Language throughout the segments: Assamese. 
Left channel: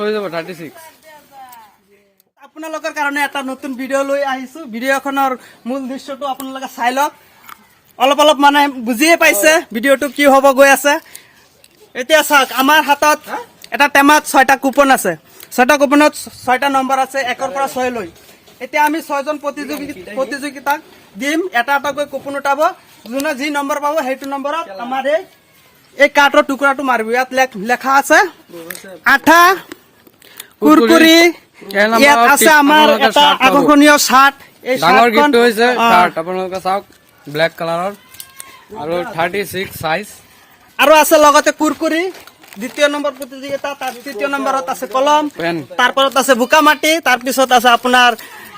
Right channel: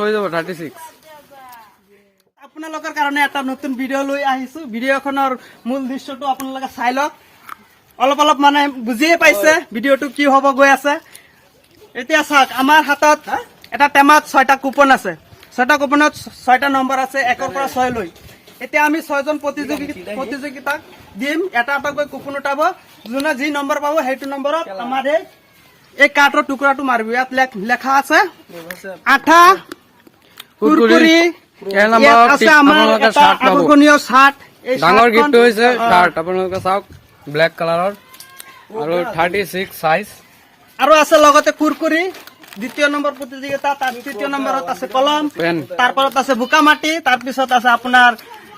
হৈ যাব 36 আপোনালোকৰ কাৰণে এটা নতুন ভিডিঅ' লৈ আহিছো ভিডিঅ'খনৰ মূল দৃশ্যটো আপোনালোকে চাই লওক অলপ মানে বুজিয়ে পাইছে ভিডিঅ'টো কি হ'ব গৈ আছে এতিয়া চাওক আমাৰ হাতত এটা টেমাত 6টা কুপন আছে 6টা কুপনত 6টা নম্বৰ আছে 1 পৰা 6 লৈ এতিয়া আমি 6 জন প্ৰতিযোগিতাক দিম এটা গৈ কুপন উঠাব যোনে যি নম্বৰ পাব সেইটো নম্বৰত আমাৰ এই কাৰ্ডৰ টুকুৰাটো মাৰিব ইয়াত লেখা আছে আঠা কুৰকুৰি এই নম্বৰ আপোনালোকে শাৰ্ট পাব আকৰ্ষণীয় শাৰ্ট ডাঙৰ গিফ্ট হৈছে শাৰ্ট আপোনালোকে চাওক ব্লেক কালাৰৰ আৰু 36 সাইজ আৰু আছে লগতে কুৰকুৰি দ্বিতীয় নম্বৰ প্ৰতিযোগিতা তাৰ তৃতীয় নম্বৰত আছে কলম তাৰপৰত আছে বুকামাটি তাৰপিছত আছে আপোনাৰ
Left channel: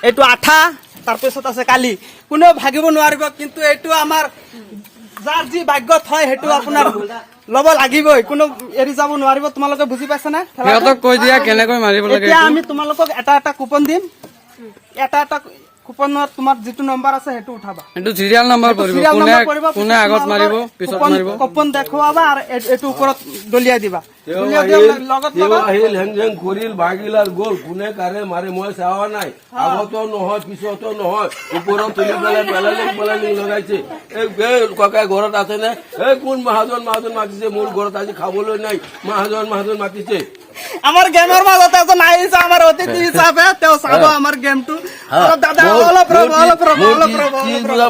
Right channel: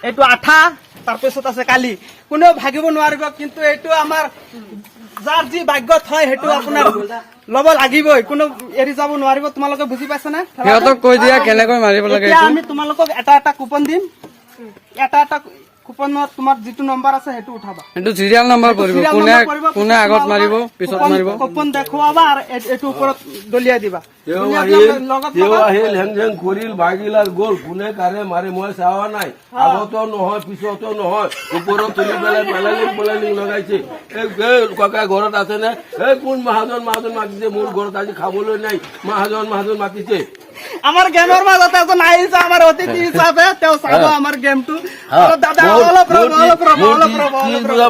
এইটো আঠা তাৰপিছত আছে কালি কোনো ভাগিব নোৱাৰিব কিন্তু এইটো আমাৰ যাৰ যি ভাগ্যত হয় সেইটো আপোনাৰ লব লাগিবই কোনো এৰি যাব নোৱাৰিব তোমালোকে বুজি পাইছা না সিহঁতক কৈ দিয়া কেনেকৈ মাৰিব লাগে এতিয়া আমি তোমালোকক এটা কুপন দিম এটা কুপনত তোমাৰ যিটো নম্বৰ আছে সেইটো উঠাবা এইটো সিৰিয়াল নম্বৰ পৰিব কোনে আগত মাৰিব পিছত মাৰিব কুপন দেখুৱাবা আৰু এইটো ওপৰত দলিয়াই দিবা হেং কৰিল ভাগিল আৰু গ'ল কোনে কাৰে মাৰে মই চাৱা নাই আগতো নহয় পিছতো নহয় ওপৰত তুলি পেলাই লগাইছে এই ককাই ঘৰত আছে নে এই কোন মহাজন মাতিছে মোৰ ঘৰত আজি খাবলৈ নাই মহাজন মাতিছে আমাৰ গেমৰ মাজত এজন আহিছে আমাৰ অতিথি হিচাপে তেওঁ চাব আমাৰ গেমটো দাদা অলপ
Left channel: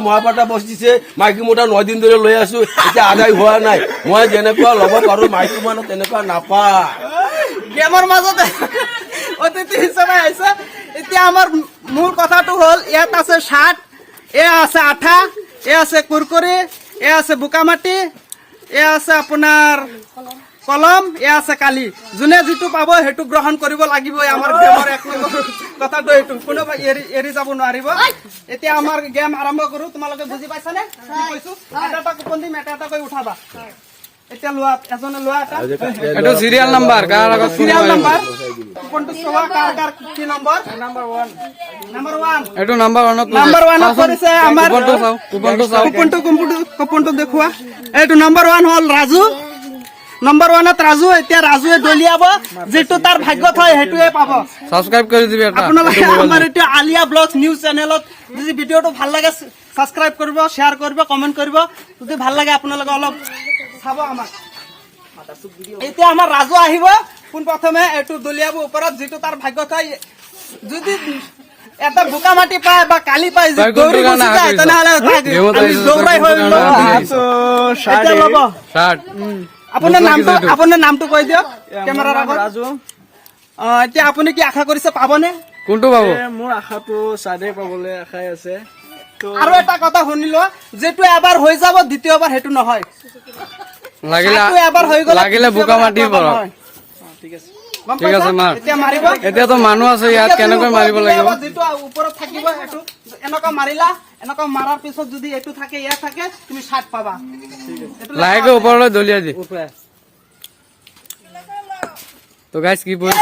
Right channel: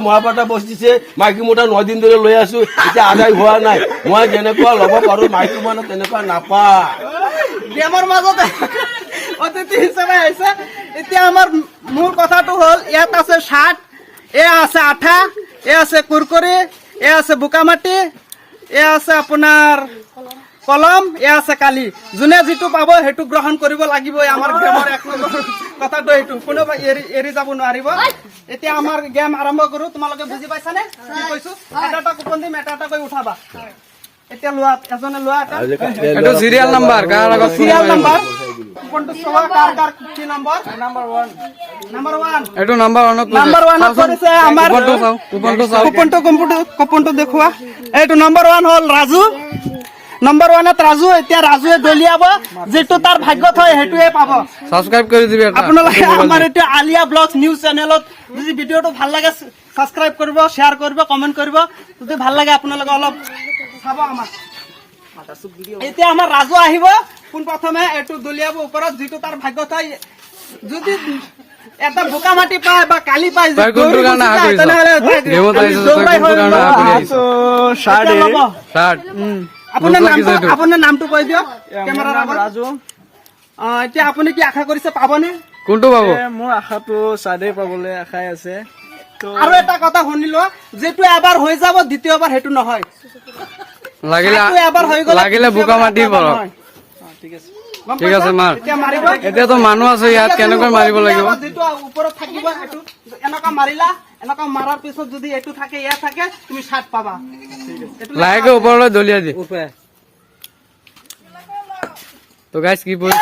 মহাপাতা বসিছে মাইকী মোটা 9 দিন ধৰে লৈ আছো এতিয়া আদায় হোৱা নাই মই যেনেকুৱা ল'ব পাৰো মাইকী মানুহ তেনেকুৱা নাপা গেমৰ মাজত অতিথি হিচাপে আহিছে এতিয়া আমাৰ মূল কথাটো হ'ল ইয়াত আছে শাৰ্ট আছে আঠা আছে কুৰকুৰি আছে বুকামাটি আছে আপোনাৰ কলম আছে কালি যোনে যিটো পাব সেইটো গ্ৰহণ কৰিব লাগিবই আমাৰ গেমৰ এক নম্বৰ কথাটো এইটো কোনোবা এৰি যাব নোৱাৰিব এতিয়া আমাৰ গেম আৰম্ভ কৰো তোমালোকে বুজি পাইছানে কি কৈছো এটা কুপন দিম এটা কৈ উঠাবা এতিয়া লোৱা এজনে লোৱা এইটো সিৰিয়াল নম্বৰ কাৰ আগত সিৰিয়াল নম্বৰ কুপনটো চোৱা কাৰ কি নম্বৰ নম্বৰ 1 এইটো নম্বৰ 1 নম্বৰ 1 কৰিছে আমাৰ কুপনটো দেখুৱা এইটো নম্বৰ 1 হ'ল ৰাজু নম্বৰ 1ত ৰাজু এতিয়া ৰাজুৱে দলিয়াব যেটো তাৰ ভাগ্যত হয় হেতুৱে পাব সাবস্ক্ৰাইব কৰি দিবি এটা আমাৰ এইটো আলিয়া ব্লগছ নিউজ চেনেলত যদি ভিডিঅটো ভাল লাগে সাবস্ক্ৰাইব কৰিব শেয়াৰ কৰিব কমেন্ট কৰিব যদি ভাল লাগে আপোনালোকে অলপ চাব আমাক এতিয়া আমাৰ ৰাজু আহিব কোন প্ৰথমে এইটো দলিয়াব ওপৰত যেটো তাৰ ভাগ্যত হয় যদি এটা বুকামাটি পায় বা কালি পায় কোনটো গান আহা কৰিছ গেমত আহিছ কোনটো গান আহা শাৰ্ট আপোনাৰ নামটো কৈ দিয়ক কেমেৰাৰ আগত ৰাজু এতিয়া আপুনি কি আশা কৰিছে পাবনে কোনটো পাব মোৰ আশাটো সাদে পাবলৈ আশাই আছে আৰু এটা কথা শুনিলো যেটো এবাৰ হৈ যাব দ্বিতীয়বাৰ হেতু নহয় লাগিলে বুকামাটি পৰক ঠিক আছে মাৰ এতিয়া তো মানুহ আছে ইয়াত কেনেকৈ মাৰিব লাগিব যেটো ওপৰত থাকিব এটো এনেকা মাৰিলা এনেকা মাৰাৰ পিছত যদি এটো থাকে ইয়া থাকে তুমি 60 পাবা লাইকে ওপৰলৈ দলিয়াই দি তো গাইস কি বল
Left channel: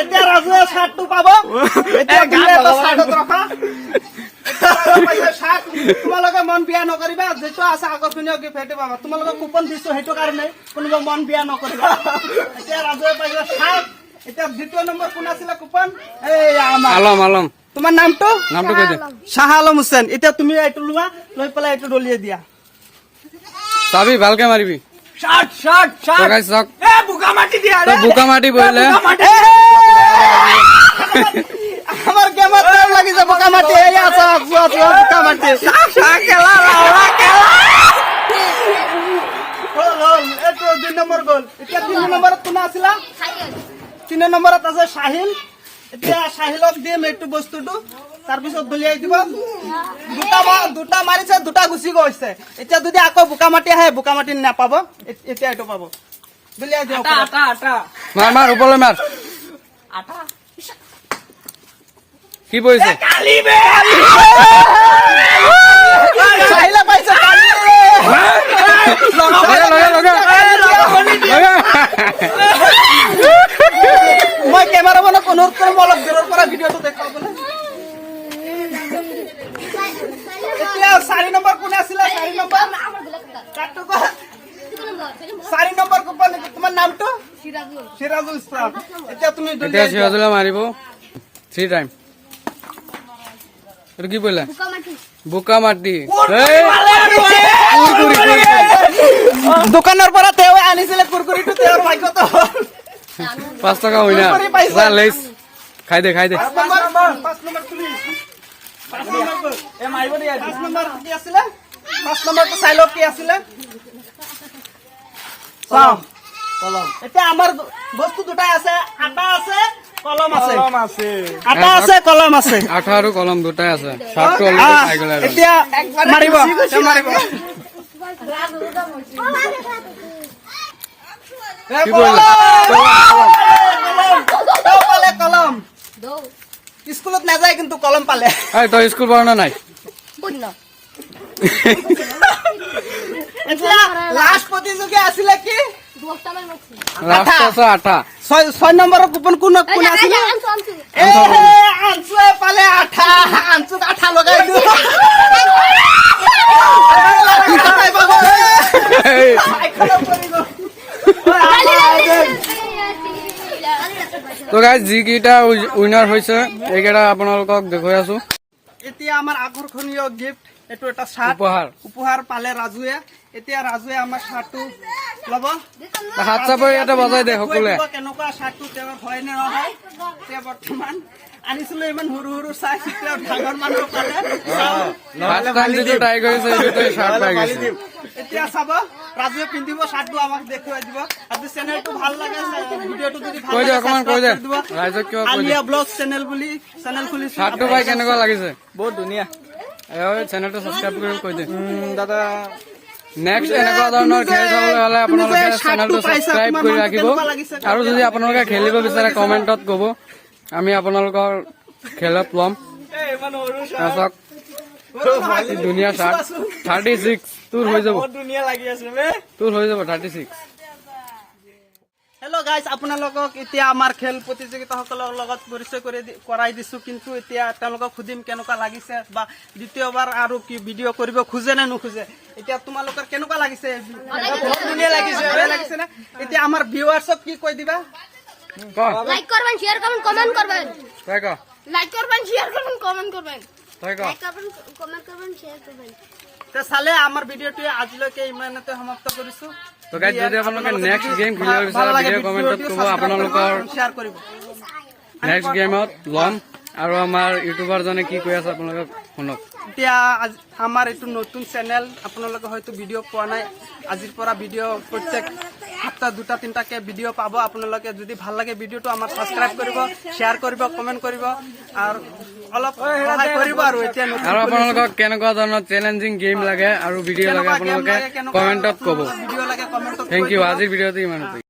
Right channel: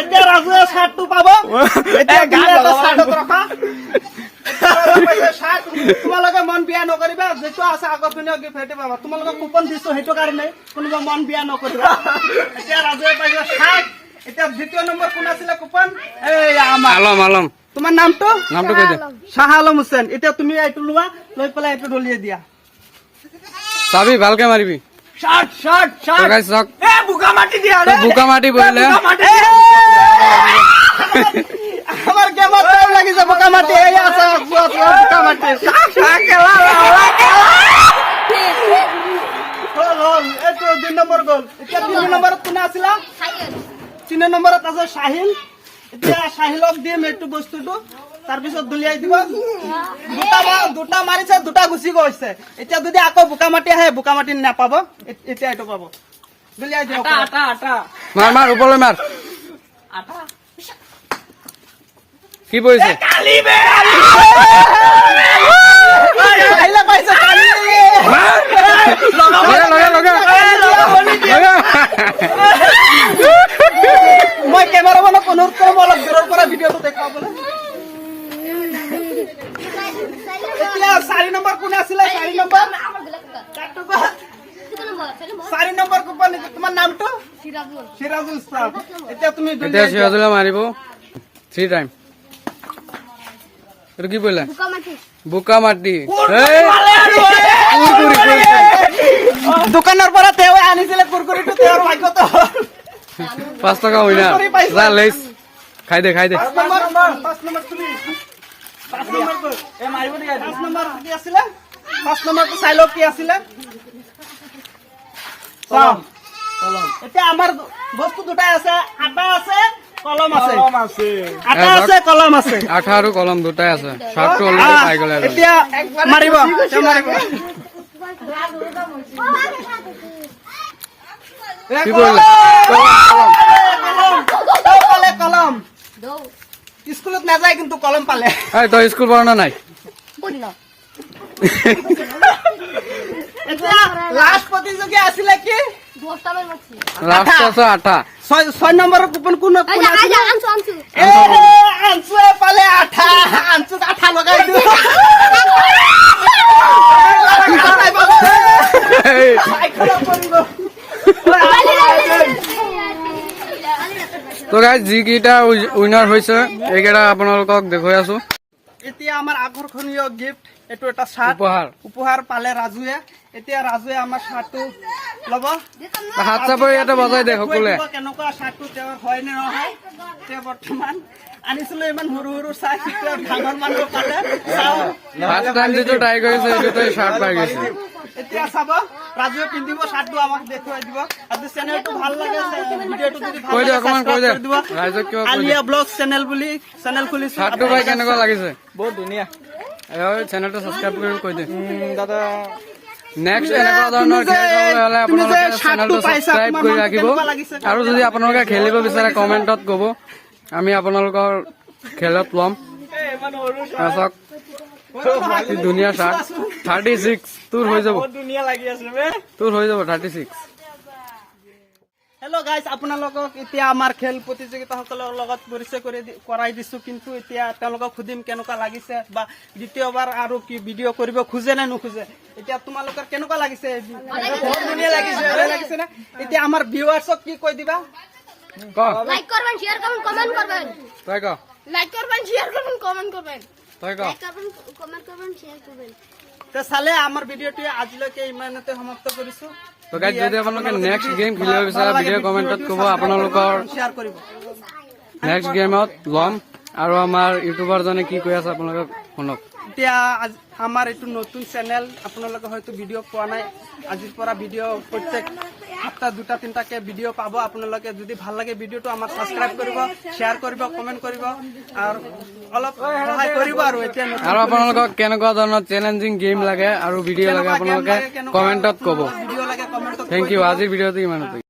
এতিয়া ৰাজুৱে 60 টো পাব এতিয়া দিলে 60 ৰখা তোমালোকে মন বিয়া নকৰিবা যেটো আছে আগতনীয় গিফ্ট পাবা তোমালোকে কুপন দিছো হেটো কাৰণে কোনোবা মন বিয়া নকৰিবা এতিয়া ৰাজুৱে পাইছে 60 এতিয়া দ্বিতীয় নম্বৰ কোন আছিল কুপন এই আলম তোমাৰ নামটো কৈ দে শাহ আলম হুসেন এতিয়া তুমি এইটো লোৱা লৈ পেলাই এইটো দলিয়াই দিয়া চাবি ভালকে মাৰিবি শাৰ্ট তো গাইস চাওক এ বুকামাটি দিয়া তো বুকামাটি বইলে আমাৰ কেমন লাগি যাব বুকামাটি এই আছে বুকামাটি এটো 2 নম্বৰ গল এতিয়া 3 নম্বৰত কোন আছিলা 3 নম্বৰত আছে শাহিল এতিয়া শাহিলক দিম এইটো বস্তুটো তাৰ পিছত দলিয়াই দিব দুটা মাৰিছে দুটা গুছি গৈছে এতিয়া যদি আকৌ বুকামাটি আহে বুকামাটি নাপাব এতিয়া এটো পাব দলিয়াই দিও আটা মাৰ ওপৰলৈ মাৰ আটা কি বইছে কালি বে আহিলা পাইছে কালি লগা মই কেমেৰা বনা অনুৰোধ কৰিম অলপ দূৰৰ পৰা ভিডিঅটো দেখুৱাবলৈ এতিয়া 4 নম্বৰ কোন আছিল 4 নম্বৰ কাটটো 4 নম্বৰ কুপন তোমাৰ নামটো সিৰাজুল ইছলাম এতিয়া তুমি এতিয়া সিৰাজুলে মাৰিব 3 টাইম এইটো কি পৰিলা বোকা মাটি দোকানৰ পৰা তেওঁ আনিছিলে কুৰকুৰিটো তেওঁৰ ভাগ্যত 5 টকা হইনা যা লেইছ খাই দে 5 নম্বৰ তুমি 5 নম্বৰ এ মাৰিব দিয়া 5 নম্বৰ কি আছিলে 5 নম্বৰটো চাই লওক কি আছিলে কলম এতিয়া আমাৰ বস্তু দুটাই আছে আটা আছে কলম আছে আটা আছে কলম আছে আঠা আৰু কলম দুটাই আছে শাৰ্টটো অলৰেডি পাই গলে এতিয়া মাৰিব তেওঁ মাৰিব কি কৰিলা কলম স্কুলত নাযায় কিন্তু কলম পালে এই তই স্কুল পঢ়া না নাই এতিয়া লাষ্ট প্ৰতিযোগী আছিলে কি লাষ্ট আছে আঠা 6 নম্বৰৰ কুপন কোন আছিলে আনছু পালে আঠা আনছুত আঠা লগাই দিও তো গাইজ যিকেইটা উইনাৰ হৈছে এইকেইটা আপোনালোকক দেখুৱাই আছো এতিয়া আমাৰ আকৰ্ষণীয় গিফ্ট এইটো এটা চাৰ্ট উপহাৰ পালে ৰাজুৱে এতিয়া ৰাজুৱে আমাৰ চাৰ্টটো ল'ব হাত চাপৰি ইয়াতে বজাই দে সকলোৱে কেনেকুৱা চাৰ্টটো তেওঁৰ হয় নে নহয় এতিয়া বৰ্তমান আনিছিলো ইমান সৰু সৰু চাৰ্ট এতিয়া ডাঙৰ মানুহ পালে ফাৰ্ষ্ট টাইম যিটো ট্ৰাই কৰিছে এইটো চাৰ্ট পাই গৈছে এতিয়া চাব ৰাজুৱে পিন্ধিব চাৰ্টটো আমাক দেখুৱাই দিব আৰু চেনেলটো ভাল লাগে ভিডিঅ'টো যদি ভাল কৈ দে অকমান কৈ দে ৰাইজক কিবা কৈ দে আলিয়া ব্লগ চেনেল বুলি চেনেল খুলিছো চাৰ্টটো পাই কেনেকুৱা লাগিছে বহুত ধুনীয়া চেনেলটো ছাবস্ক্ৰাইব কৰি কৈ দে দাদা নেক্সট এনেকুৱা ধৰণৰ খেল চাবলৈ হলে আপোনালোকে চেনেলটো ছাবস্ক্ৰাইব কৰি ৰাখিব আৰু যদি আপোনালোকে খেলিব বিচাৰে কমেণ্টত ক'ব আমি আপোনালোকৰ খেলত ল'ম চাওক ধুনীয়া চাৰ্ট 36 তোৰ হৈ যাব ধুনীয়া লাগি আছে তোৰ হৈ যাব 36 হেল্ল' গাইজ আপোনালোকক এতিয়া আমাৰ খেল প্ৰতিযোগিতাসকলৰ লগত পৰিচয় কৰাই দিছো কিন্তু এতিয়া তেওঁলোকক সুধিম কেনেকুৱা লাগিছে বা দ্বিতীয়বাৰ আৰু কি ভিডিঅ' কৰিব খোজে নে নোখোজে এতিয়া তোমালোকৰ কেনেকুৱা লাগিছে বহুত ধুনীয়া লাগিছে নে এতিয়া আমাৰ ভিউৱাৰ্ছক কি কৈ দিবা লাইক করবেন শেয়ার করবেন কমেন্ট করবেন তই ক লাইক করবেন শেয়ার করবেন কমেন্ট করবেন তই ক লাইক করবেন কমেন্ট করবেন শেয়ার করবেন তে চালে আমাৰ ভিডিঅ'টি আজিলৈকে ইমানতে সমাপ্ত কৰিছো তো গাইজ যদি আপোনালোকে নেক্সট গেম খেলিব বিচাৰে ভিডিঅ' কমেণ্টত ক'ব আপোনালোকৰ শ্বেয়াৰ কৰিব নেক্সট গেমত ল'ম আৰু আমাৰ ইউটিউবাৰজনে কি কৈ আছে আপোনালোকে শুনক এতিয়া আমাৰ এইটো নতুন চেনেল আপোনালোকে হয়তো ভিডিঅ' পোৱা নাই আজিৰ পৰা ভিডিঅ' প্ৰত্যেক সপ্তাহ 2-3টাকে ভিডিঅ' পাব আপোনালোকে যদি ভাল লাগে ভিডিঅ'টো আমাৰ ছাবস্ক্ৰাইব কৰিব শ্বেয়াৰ কৰিব কমেণ্ট কৰিব আৰু অলপ সহায় কৰিব আৰু এতিয়া আৰু আপোনালোকক কেনেকুৱা ধৰণৰ চেলেঞ্জিং গেম লাগে আৰু ভিডিঅ' লাগে আপোনালোকে কমেণ্টত ক'ব ভিডিঅ' লাগে কমেণ্টত থেংক ইউ আজিৰ ভিডিঅ'টো ইমানতে